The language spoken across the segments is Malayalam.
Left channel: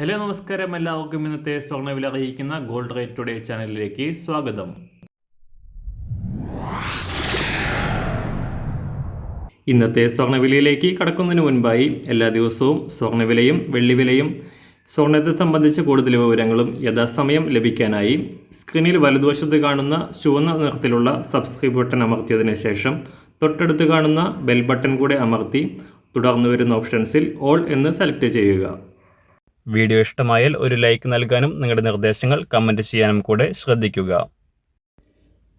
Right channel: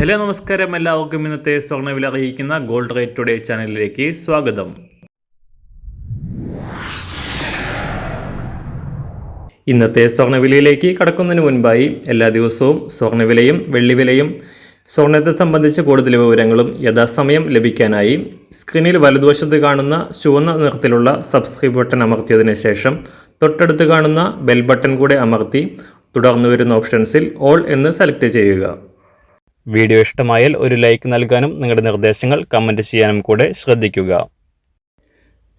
ഹലോ നമസ്കാരം, എല്ലാവർക്കും ഇന്നത്തെ സ്വർണ്ണവില അറിയിക്കുന്ന ഗോൾഡ് റേറ്റ് ടുഡേ ചാനലിലേക്ക് സ്വാഗതം. ഇന്നത്തെ സ്വർണ്ണവിലയിലേക്ക് കടക്കുന്നതിന് മുൻപായി എല്ലാ ദിവസവും സ്വർണ്ണവിലയും വെള്ളിവിലയും സ്വർണ്ണത്തെ സംബന്ധിച്ച കൂടുതൽ വിവരങ്ങളും യഥാസമയം ലഭിക്കാനായി സ്ക്രീനിൽ വലതുവശത്ത് കാണുന്ന ചുവന്ന നിറത്തിലുള്ള സബ്സ്ക്രൈബ് ബട്ടൺ അമർത്തിയതിനു ശേഷം തൊട്ടടുത്ത് കാണുന്ന ബെൽ ബട്ടൺ കൂടെ അമർത്തി തുടർന്ന് വരുന്ന ഓപ്ഷൻസിൽ ഓൾ എന്ന് സെലക്ട് ചെയ്യുക. വീഡിയോ ഇഷ്ടമായാൽ ഒരു ലൈക്ക് നൽകാനും നിങ്ങളുടെ നിർദ്ദേശങ്ങൾ കമൻറ്റ് ചെയ്യാനും കൂടെ ശ്രദ്ധിക്കുക.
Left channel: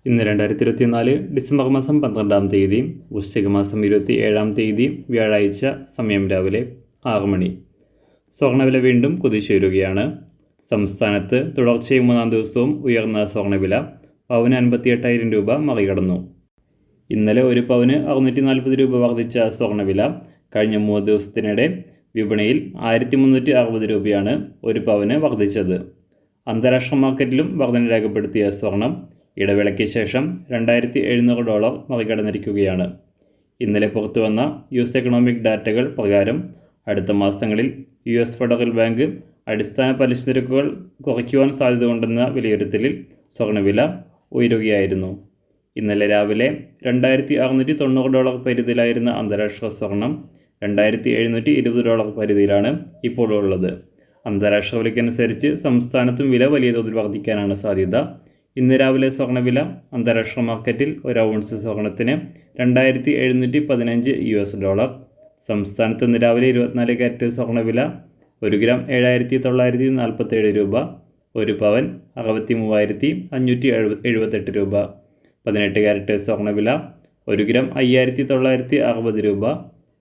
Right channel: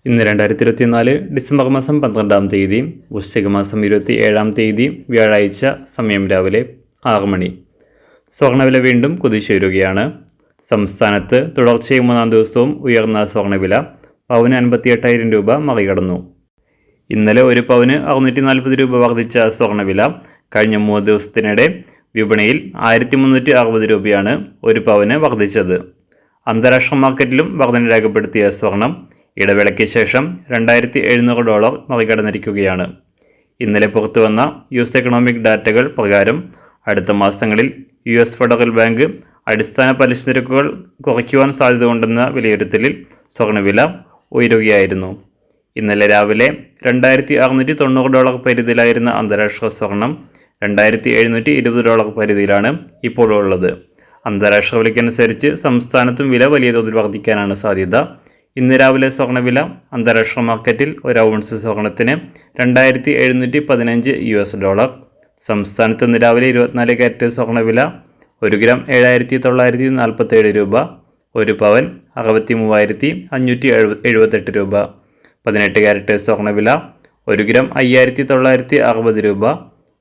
ഇന്ന് 2024 ഡിസംബർ മാസം 12-ാം തീയതി, വൃശ്ചിക മാസം 27-ാം തീയതി, വ്യാഴാഴ്ച, സമയം രാവിലെ 6 മണി. സ്വർണ്ണവില വീണ്ടും കുതിച്ചുയരുകയാണ്. സംസ്ഥാനത്ത് തുടർച്ചയായി 3-ാം ദിവസവും ഉയർന്ന സ്വർണ്ണവില പവന് 58,000 രൂപ മറികടന്നു. ഇന്നലെ ഒരു പവന് 640 രൂപ വർദ്ധിച്ച സ്വർണ്ണവില കഴിഞ്ഞ 3 ദിവസത്തിനിടെ വിപണിയിൽ 1360 രൂപയാണ് ഒരു പവന് വർദ്ധിച്ചത്. അന്താരാഷ്ട്ര മാർക്കറ്റിലും വർധന രേഖപ്പെടുത്തിയ സ്വർണം ഇടവേളയ്ക്ക് ശേഷം $2,700 മറികടന്നിരിക്കുകയാണ്. ഇന്നലെ പുറത്തുവന്ന US എക്കണോമിക് ഡാറ്റകൾ പ്രകാരം അടുത്ത മാസങ്ങളിൽ US ഫെഡറൽ ബാങ്ക് അടിസ്ഥാന പലിശ നിരക്കുകൾ കുറയ്ക്കുവാൻ സാധ്യതയുണ്ടെന്ന വിലയിരുത്തലിൽ സ്വർണ്ണവില ഉയരുകയായിരുന്നു. ഇന്നലെ രാവിലെ $2,690 പരിധിയിലായിരുന്ന അന്താരാഷ്ട്ര സ്വർണം $2,720 പരിധിയിലാണ് ഇപ്പോൾ ഉള്ളത്. അന്താരാഷ്ട്ര വിലയ്ക്കനുസരിച്ച് സംസ്ഥാനത്തും വില വലിയ തോതിൽ വർദ്ധിക്കാനാണ് സാധ്യത. ഇന്ന് രാവിലെ സ്വർണ്ണവില അന്താരാഷ്ട്ര മാർക്കറ്റിൽ ഒരു ഔൺസ് സ്വർണത്തിന് $2,715. സംസ്ഥാനത്ത് ഇന്ന് രാവിലെ 24 കാരറ്റ് സ്വർണ്ണവില 1 ഗ്രാം 7,947 രൂപ, ഒരു പവൻ 63,578 രൂപ. 18 കാരറ്റ് സ്വർണ്ണവില 1 ഗ്രാം 5,960 രൂപ,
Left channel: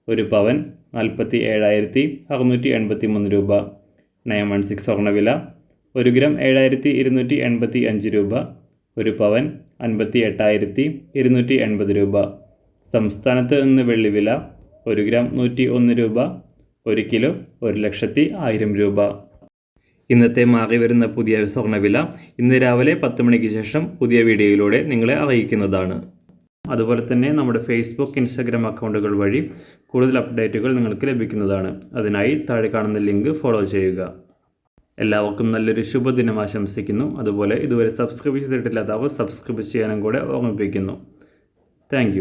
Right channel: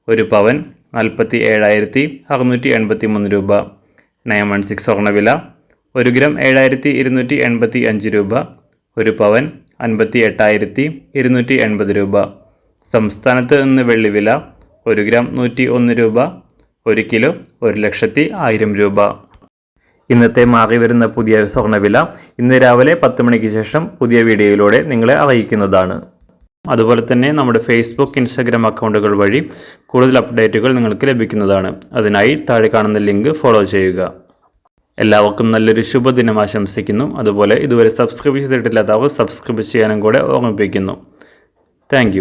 ഒരു പവൻ 47,683 രൂപ. 916 സ്വർണ്ണവില 1 ഗ്രാം 7,285 രൂപ, ഒരു പവൻ 58,280 രൂപ. സംസ്ഥാനത്ത് ഇന്ന് വെള്ളിവില 1 ഗ്രാം 101 രൂപ, 1 കിലോ 1,01,000 രൂപ. ഇന്നത്തെ മാറി വരുന്ന പുതിയ സ്വർണ്ണവില ഇന്ന് രാവിലെ 10 മണിക്ക് ശേഷം പുതിയ വീഡിയോയിലൂടെ നിങ്ങളെ അറിയിക്കുന്നതാണ്. അതുപോലെ തന്നെ നമ്മുടെ ഫേസ്ബുക്ക്, ഇൻസ്റ്റാഗ്രാം അക്കൗണ്ടുകൾ വഴി കൂടുതൽ അപ്ഡേറ്റുകൾ നിങ്ങൾക്ക് ലഭിക്കുന്നതാണ്. അതിനായി താഴെ കാണുന്ന ലിങ്ക് ഫോളോ ചെയ്യുക. എല്ലാവർക്കും നല്ലൊരു ശുഭദിനം ആശംസിക്കുന്നു. അതുപോലെ ഇതുവരെ സബ്സ്ക്രൈബ് ചെയ്തിട്ടില്ലാത്തവർ സബ്സ്ക്രൈബ് ചെയ്യാനും കൂടെ ഓർമ്മിപ്പിക്കുന്നു. താങ്ക്